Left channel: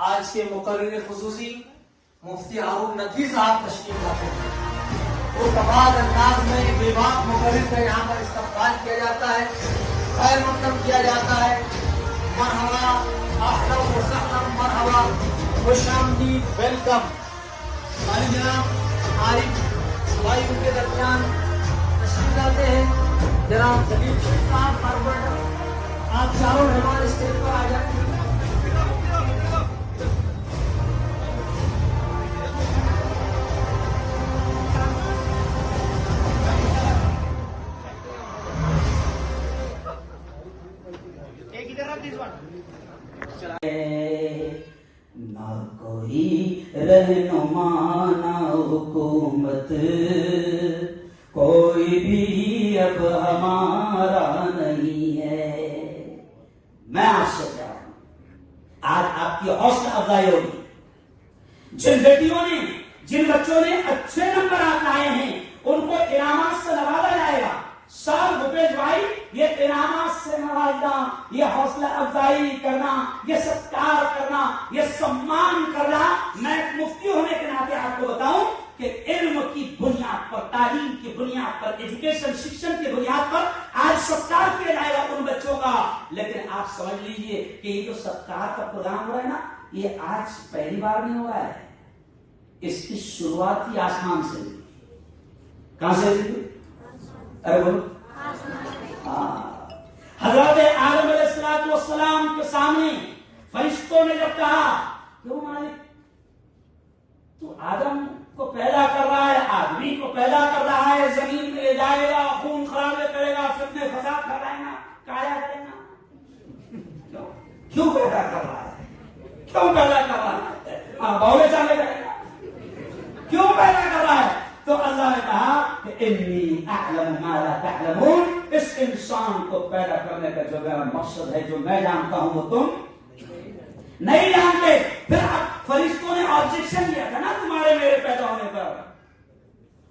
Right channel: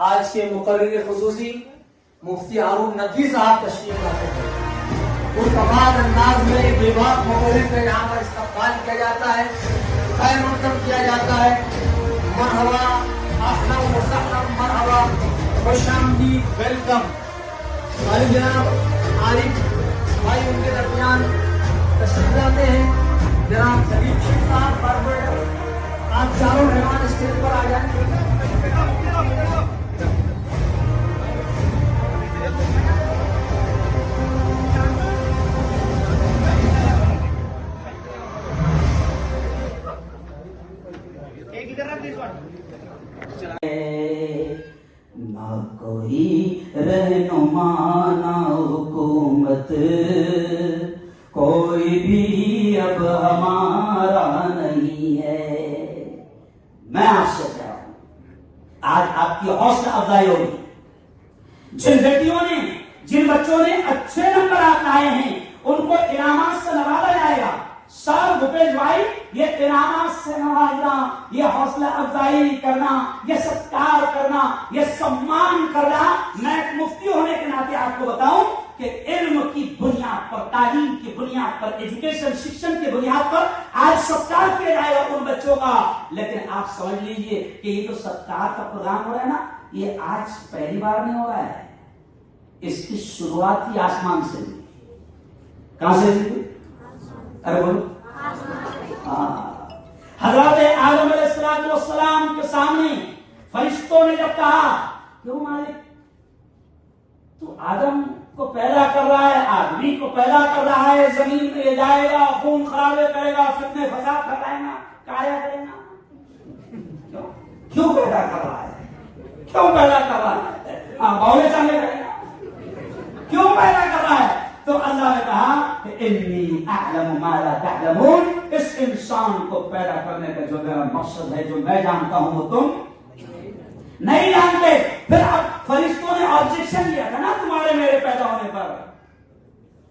آج کے مقرر خصوصی مفتی ہارون ندوی صاحب تشریف لاتے ہیں. تو تمام انداز میں بے باک مقرر کا یہاں پر استقبال کیا جاتا ہے، خیر مقدم کیا جاتا ہے. مرحبا، اہلا وسہلا، مرحبا، خوش آمدید، ویلکم. بھائی جناب عارف بھائی ان کے درمیان تشریف لاتے ہیں. جناب سبیل صاحب باربر، آپ چاروں مہمان اسٹیج پر آ جائیں. نہ کوئی رہنما نہ حکومت، کوئی بھی اب ہمارا نہیں ہے. میں آپ سے کہہ رہا ہوں، آج آپ کی حوصلہ افزائی ہوگی. جن بیٹیوں نے، جن بچوں نے اچھے نمبرات لائے ہیں ان کو انعامات سے نوازا جائے گا. سر بھوپیش بھائی، یہ انعامات سے نوازنا، یہ حوصلہ افزائی کرنا، یہ ستکار کرنا، یہ سمان کرنا، میں ایک مفتی ہونے کے ناطے آپ کو بتاؤں کہ علم کی بنیاد پر، تعلیم کی بنیاد پر، ایجوکیشن شکشن کی بنیاد پر آج ستکار کیا جائے گا ان بچوں کا. لیکن آپ سمجھ لیجئے کہ یہ تو ستکار کا پروگرام ہو رہا ہے نا، یہ آج پہلی بار نہیں ہو رہا ہے. اس کی شروعات ہی آسمان سے ہوئی. کہاں سے ہوئی؟ ارے بولو. حضرت آدم علیہ السلام کے سامنے فرشتوں نے جب کہا کیوں مالک تو آدم کو پیدا کر رہا ہے، آدمی کو پیدا کر رہا ہے، زمین پہ لے جائے گا، خون خرابے کرے گا، فتنے فساد کرائے گا، کایا کرے گا، کیوں پیدا کر رہا ہے؟ کیوں پیدا کر رہا ہے؟ بولے چاہے کرے گا، کیوں پیدا کر رہا ہے؟ تو اللہ نے کہا کہ انی اعلم ما لا تعلمون، اس انسان کو پیدا کرنے کا جو میرا مقصد ہے، جو میں جانتا ہوں وہ تم نہیں جانتے. پھر اب فرشتوں نے آبجیکشن کیا تھا نا تمہارے میرے پیدا ہونے پر،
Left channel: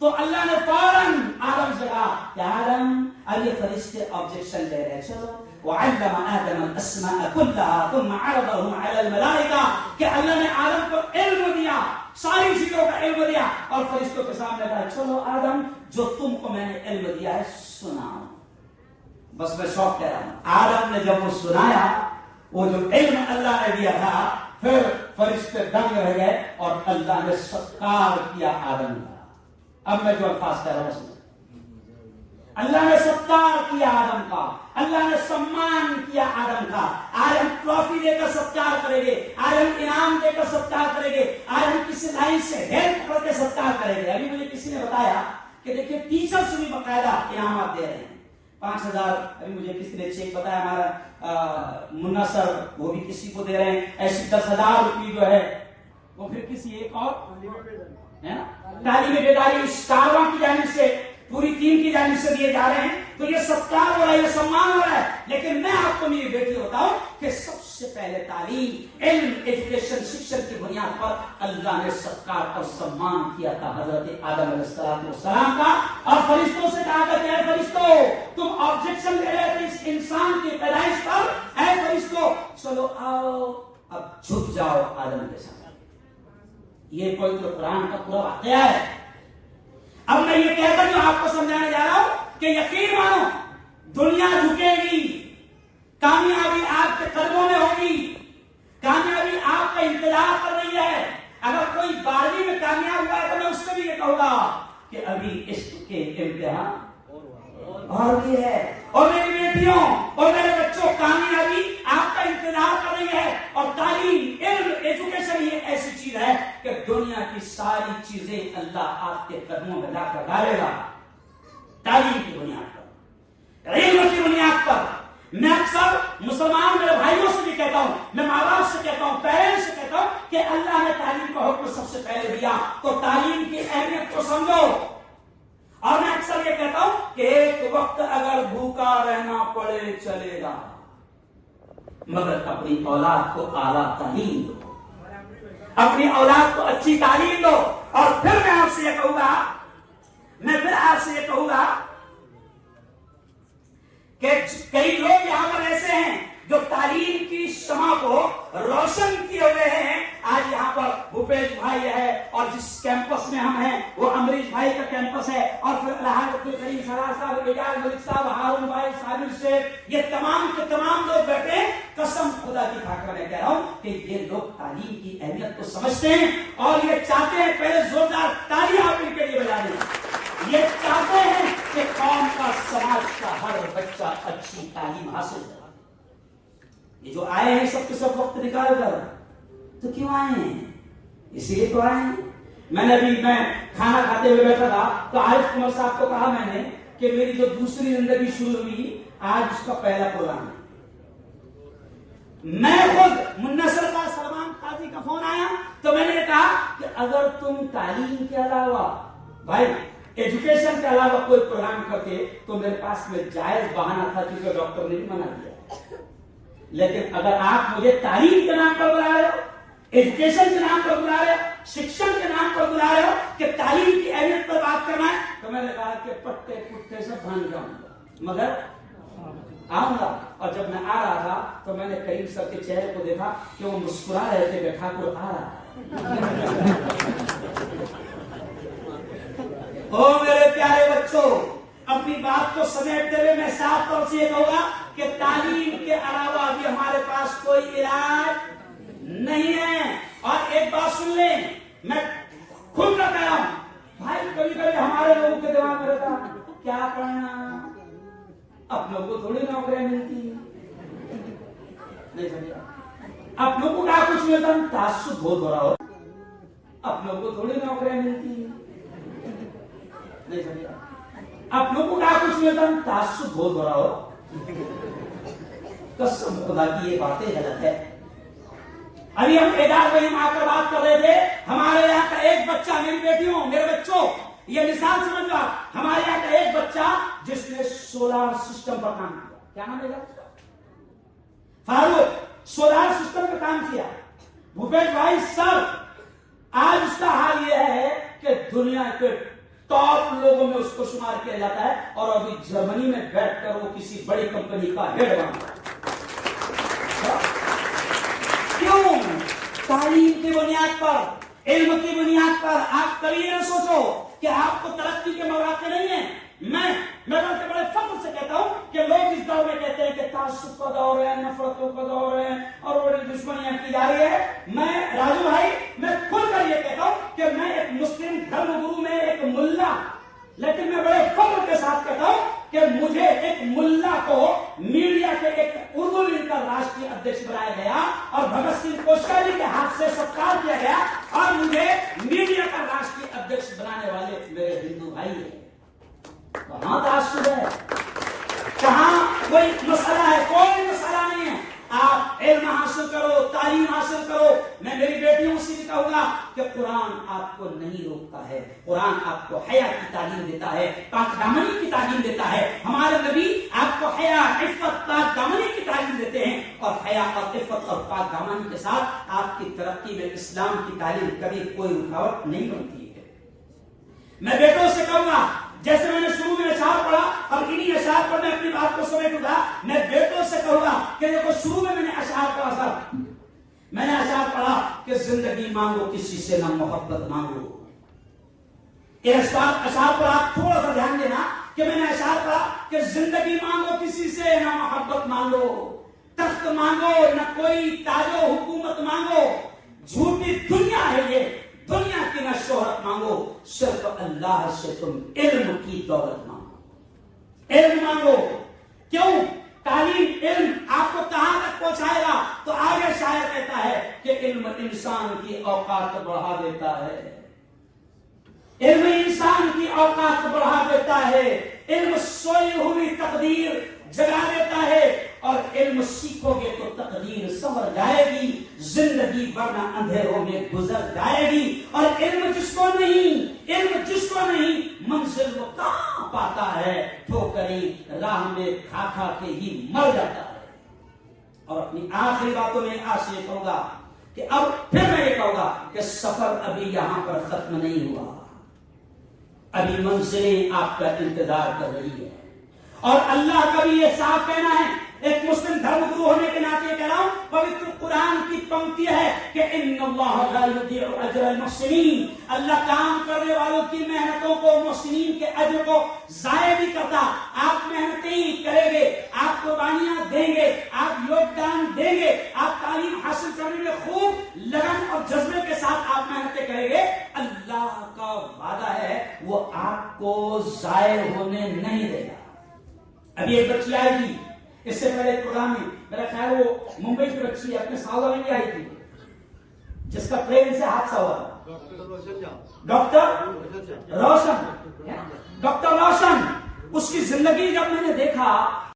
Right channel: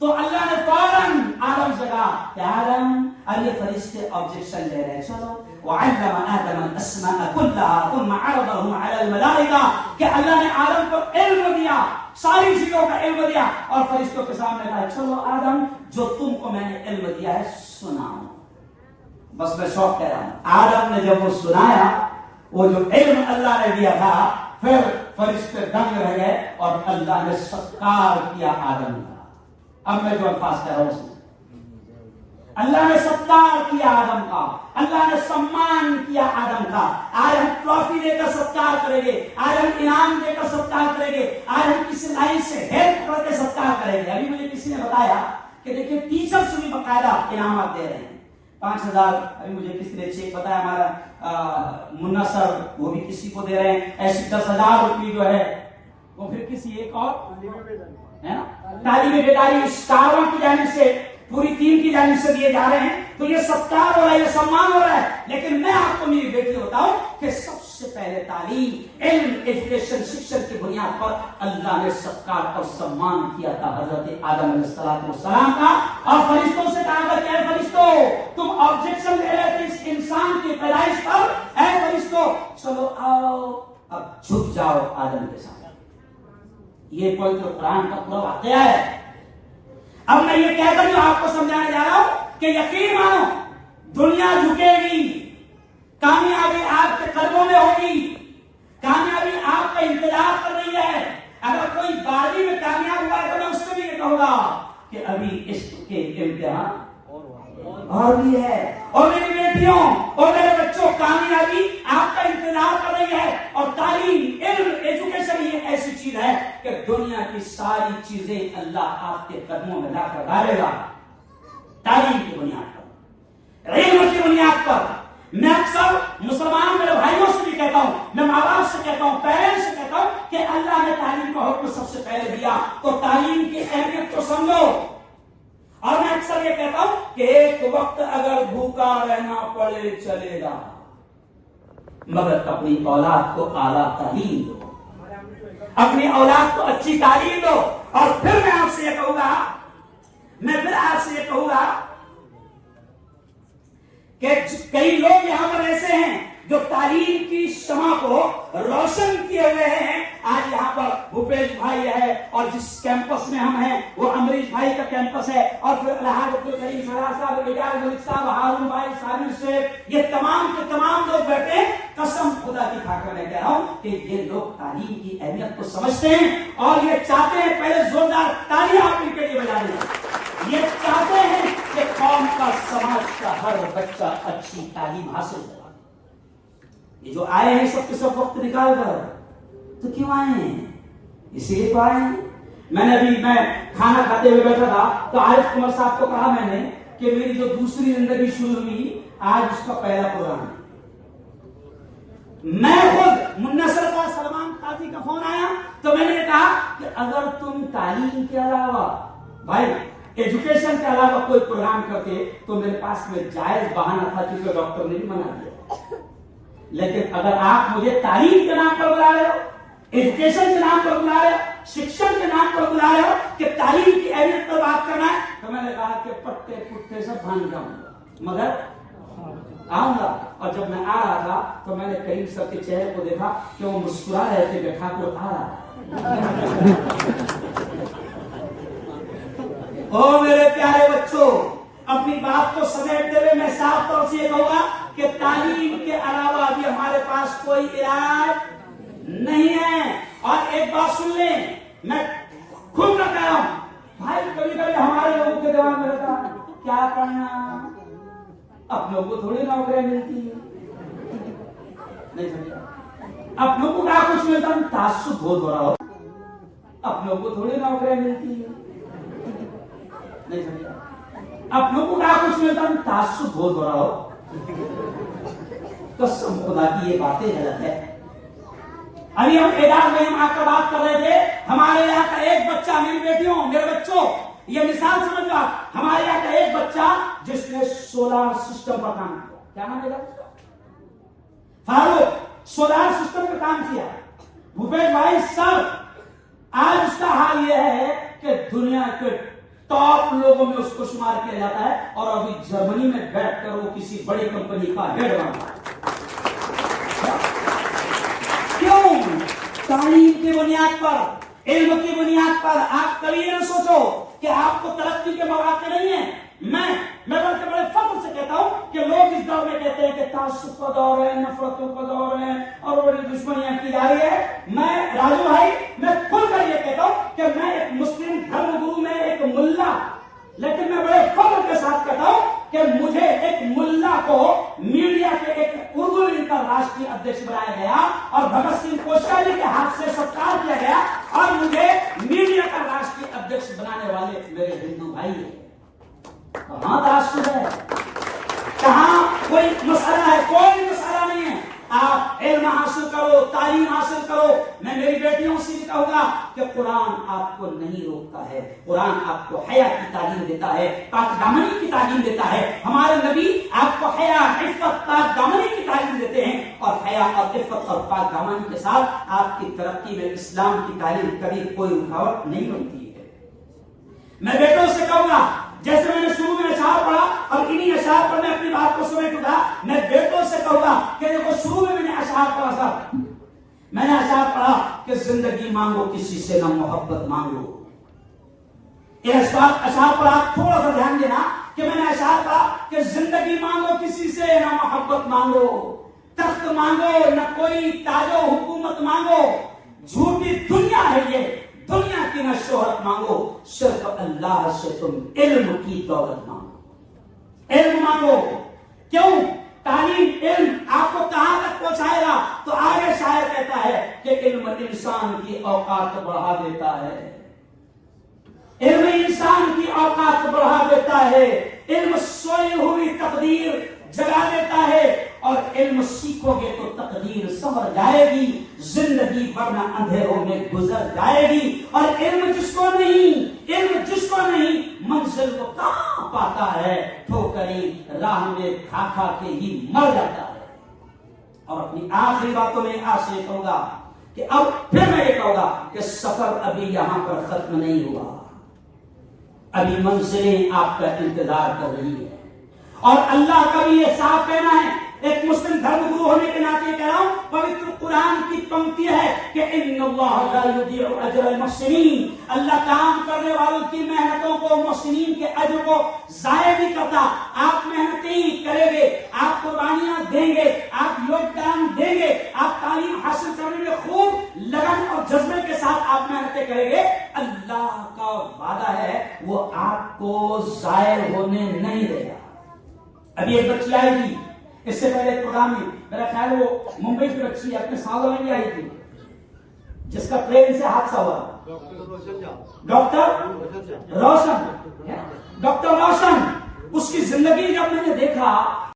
تو اللہ نے فوراً آدم سے کہا کہ آدم، اب یہ فرشتے آبجیکشن لے رہے، چلو وعلم آدم الاسماء كلها ثم عرضهم على الملائكة، کہ اللہ نے آدم کو علم دیا، ساری چیزوں کا علم دیا، اور فرشتوں کے سامنے کہا چلو آدم، جو تم کو میں نے علم دیا ہے سناؤ. بس میں شوق کہہ رہا ہوں، آدم نے جب وہ سنایا، وہ جو علم اللہ نے دیا تھا، پھر فرشتے دنگ رہ گئے اور اللہ نے ستکار کیا آدم کا. اب میں جو الفاظ کہہ رہا ہوں اس میں اللہ نے ستکار کیا آدم کا، اللہ نے سمان کیا آدم کا. آج ہم ٹرافی دے کر ستکار کریں گے، آج ہم انعام دے کر ستکار کریں گے، آج ہم کسی لائن سے ہیلپ کر کے ستکار کریں گے. ابھی مجھے کسی نے بتایا کہ دیکھیں ٹیچر سے بھی باقاعدہ انعامات دے رہے ہیں. 5,000 ابھی مجھے کسی نے چیک بتایا، ہمارا منا سر وہ بھی کسی کو دے رہے ہیں. ایسے 10,000 روپے جو ہے وہ پھر کسی ایک اور ہے نا تعلیم بیداری اسٹاروں کی جانب سے، پوری ٹیم کی جانب سے دیے جا رہے ہیں. تو یہ ستکار ہو رہا ہے، یہ سمان ہو رہا ہے. لیکن میں آپ کو میری بیٹی بتاؤں کہ سب سے پہلے تعلیم، علم، ایجوکیشن شکشن کی بنیاد پر اللہ نے ستکار اور سمان کیا تھا حضرت آدم علیہ السلام کا. اور فرشتوں سے کہا کہ اے فرشتوں، تم آبجیکشن لے رہے تھے اس انسان کی پیدائش پر، اے فرشتوں چلو آؤ اب جھک جاؤ آدم کے سامنے. یہ کوئی تو قرآن کا پورا واقعہ ہے. اب میں یہ کہہ کر جو آپ کو سمجھانے جا رہا ہوں کہ یقین مانو دنیا جھکے گی، کامیابی آپ کے قدموں میں ہوگی، کامیابی آپ کا انتظار کر رہی ہے. اگر کوئی 12ویں میں کامیاب ہوا ہے تو میں اس سے بھی یہ کہوں گا کہ ابھی عشق کے امتحان اور بھی ہے. اور میری بیٹیوں اور میرے بچوں، کامیابی آپ کا انتظار کر رہی ہے. اور تعلیم، علم، ایجوکیشن یہ ایسی چیز ہے کہ دنیا کی ساری چیزیں اللہ آپ کے قدموں میں لا کر ڈالے گا. تعلیم کی بنیاد پر، علم کی بنیاد پر. میں اکثر مسلمان میرے بھائیوں سے بھی کہتا ہوں، میں ماں باپ سے کہتا ہوں، پیرنٹس سے کہتا ہوں کہ اللہ نے تعلیم کا حکم سب سے پہلے دیا تو تعلیم کی اہمیت کو سمجھو. اور میں اکثر یہ کہتا ہوں کہ ایک وقت اگر بھوکا رہنا پڑے چلے گا، مگر اپنی اولاد کو اعلیٰ تعلیم دو، اپنی اولاد کو اچھی تعلیم دو. اور پھر میں آپ سے یہ کہوں گا، کہ کئی لوگ یہاں پر ایسے ہیں جو تعلیم کی شمع کو روشن کیے ہوئے ہیں. آج یہاں پر بھوپیش بھائی ہے اور جس کیمپس میں ہم ہیں وہ امریش بھائی کا کیمپس ہے, اور پھر الحاظ کریم سرار صاحب, اعجاز ملک صاحب, ہارون بھائی, سامر شیخ, یہ تمام کے تمام لوگ بیٹھے ہیں. قسم خدا کی کھا کر میں کہہ رہا ہوں کہ یہ لوگ تعلیم کی اہمیت کو سمجھتے ہیں اور یہ چاہتے ہیں, پہلے زوردار تالیاں آپ ان کے لیے بجا دیں, یہ چاہتے ہیں کہ قوم کا, سماج کا ہر بچہ اچھی تعلیم حاصل کرے. یہ جو آئے ہیں سب کے سب وقت نکال کر, تو کیوں آئے ہیں؟ اسی لیے تو آئے ہیں. میں نے ابھی کھانا کھاتے ہوئے بیٹھا تھا تو عارف کمر صاحب کو کہا میں نے کہ میری جو دوسری زندگی شروع ہوئی آج اس کا پہلا پروگرام ہے. میں خود منصر کا سلمان قاضی کا فون آیا تو میں نے کہا کہ اگر تم تعلیم کے علاوہ بھائی ایجوکیشن کے علاوہ کوئی پروگرام کرتے تو میرے پاس میں جائز بہانہ تھا, کیونکہ ڈاکٹر نے بھی منع دیا. لیکن اگر آپ مجھے تعلیم کے نام پر بلا رہے ہو, ایجوکیشن کے نام پر بلا رہے ہو, شکشن کے نام پر بلا رہے ہو کہ تعلیم کی اہمیت پر بات کرنا ہے, تو میں نے کہا کہ پٹے پٹے سے بھان جاؤں گا, مگر آؤں گا. اور جب میں آ رہا تھا تو میں نے کریم سر کے چہرے کو دیکھا کہ وہ مسکرا رہے تھے, بیٹھا کو آ رہا. او میرے پیارے بچوں, اپنی بات کو سمیٹتے ہوئے میں صاف طور سے یہ کہوں گا کہ تعلیم کے علاوہ بھی ہمارے پاس کوئی علاج نہیں ہے. اور ایک بات سن لیں, میں خود نہ کہہ رہا ہوں بھائی, کبھی کبھی ہمارے لوگوں کے دماغ میں رہتا کیا پڑھنا, اپنوں کو تھوڑی نوکریاں ملتی ہیں, نہیں سمجھا, اپنوں کو کیا کچھ ملتا, تعصب بہت ہو رہا ہو, اپنوں کو تھوڑی نوکریاں ملتی ہیں, نہیں سمجھا, اپنوں کو کیا کچھ ملتا, تعصب بہت ہو رہا ہو. قسم خدا کی یہ باتیں غلط ہے. ابھی ہم اعداد میں آ کر بات کر رہے تھے, ہمارے یہاں کا ایک بچہ, میری بیٹیوں, میرے بچوں, یہ مثال سمجھ لو, ہمارے یہاں کا ایک بچہ جس نے سولار سسٹم پر کام کیا. کیا نام ہے فاروق, سولار سسٹم پر کام کیا. بھوپیش بھائی سر, آج اس کا حال یہ ہے کہ دنیا کے ٹاپ لوگوں میں اس کو شمار کیا جاتا ہے, اور ابھی جرمنی میں بیٹھ کر وہ کسی بڑی کمپنی کا ہیڈ بنا. کیوں؟ تعلیم کی بنیاد پر, علم کی بنیاد پر. آپ کبھی نہ سوچو کہ آپ کو ترقی کے مواقع نہیں ہیں. میں بلکہ بڑے فخر سے کہتا ہوں کہ لوگ اس دور میں کہتے ہیں کہ تعصب کا دور ہے, نفرتوں کا دور ہے, اور بڑی دشمنیاں کی جا رہی ہے. میں راجو بھائی, میں کھل کر یہ کہتا ہوں کہ میں ایک مسلم دھرم گرو میں ایک ملا, لیکن میں بڑے فخر کے ساتھ کہتا ہوں کہ مجھے ایک ملا کو میڈیا کے ایک اردو کا راشٹری ادھیش بنایا گیا, اور بھگت سنگھ کوشیاری کے ہاتھ سے ستکار کیا گیا, اور مجھے میڈیا کا راشٹری ادھیش بنانے والے میرے ہندو بھائی ہیں. کہاں تعصب ہے, کہاں کوئی مسئلہ ہے؟ کوئی مسئلہ نہیں ہے. آپ علم حاصل کرو, تعلیم حاصل کرو. میں میری بیٹیوں سے بھی کہوں گا کہ قرآن آپ کو نہیں روکتا ہے, قرآن آپ کو حیا کی تعلیم دیتا ہے, پاک دامنی کی تعلیم دیتا ہے. ہمارے نبی آپ کو حیا, عفت, پاک دامنی کی تعلیم دیتے ہیں, اور حیا اور عفت اور پاک دامنی کے ساتھ آپ کی ترقی میں اسلام کی تعلیم کبھی کوئی رکاوٹ نہیں بنتی ہے. میں بیٹوں سے کہوں گا, جیسے میں نے شروع میں اشعار پڑھا اور انہی اشعار پر میں اپنی بات کو سمیٹ اٹھا, میں بیٹوں سے کہوں گا کہ دیکھو شروع میں نے اشعار پڑھا سر, میں نے اشعار پڑھا کہ زندگی مانگو کسی سے نہ محبت مانگو. یہ اشعار پر آپ تھوڑا سا دھیان دینا کہ میں نے اشعار پڑھا کہ زندگی مانگو کسی سے نہ محبت مانگو, تخت مانگو نہ کوئی تاج و حکومت مانگو, جھوٹی دنیا ہے یہ, دنیا کی نہ شہرت مانگو, صرف اللہ سے تم علم کی دولت مانگو. علم مانگو. کیوں؟ تعلیم, علم آپ کو کہاں تک پہنچائے گا؟ تو آگے شاعر کہتا ہے کہ علم انسان کی اوقات بڑھا دیتا ہے, علم انسان کی اوقات بڑھا دیتا ہے, علم سوئی ہوئی تقدیر جگا دیتا ہے, اور علم سیکھو گے تو تقدیر سنور جائے گی, زندگی ورنہ اندھیروں میں گزر جائے گی. اور علم جس کو نہیں منزل کو کہاں پاتا ہے, ٹھوکریں راہ میں کھا کھا کے ہی مر جاتا ہے. اور اپنی آخری باتوں میں آج سے کہوں گا کہ اب پھر میں یہ کہوں گا کہ سفر ابھی یہاں پر ختم نہیں ہوا, ابھی منزلیں آپ کا انتظار کر رہی ہے. اور اللہ کا بھی یہ صاف کہنا ہے ایک مسلم دھرم گرو ہونے کے ناطے کہہ رہا ہوں، پوتر قرآن کی پنکتی ہے کہ ان اللہ لا یضیع اجر المحسنین، اللہ کام کرنے والوں کی محنتوں کو، محسنین کے اجر کو ضائع نہیں کرتا۔ آپ محنتیں کریں گے، آپ قربانیاں دیں گے، آپ یوگدان دیں گے، آپ تعلیم حاصل کرنے میں خوب لگن اور جذبے کے ساتھ آپ محنتیں کریں گے، اللہ کا وعدہ ہے وہ آپ کو ضائع ہونے نہیں دے گا۔ ابھی ایک بچی آئی تھی اس سے پہلے ایک پروگرام میں، میرا خیال وہ ممبئی کی بچی اپنے سالوں میں بھی آئی تھی جس کا ٹرین سے حادثہ ہوا، ڈاکٹر روشن، اس کی زندگی جب میں نے دیکھا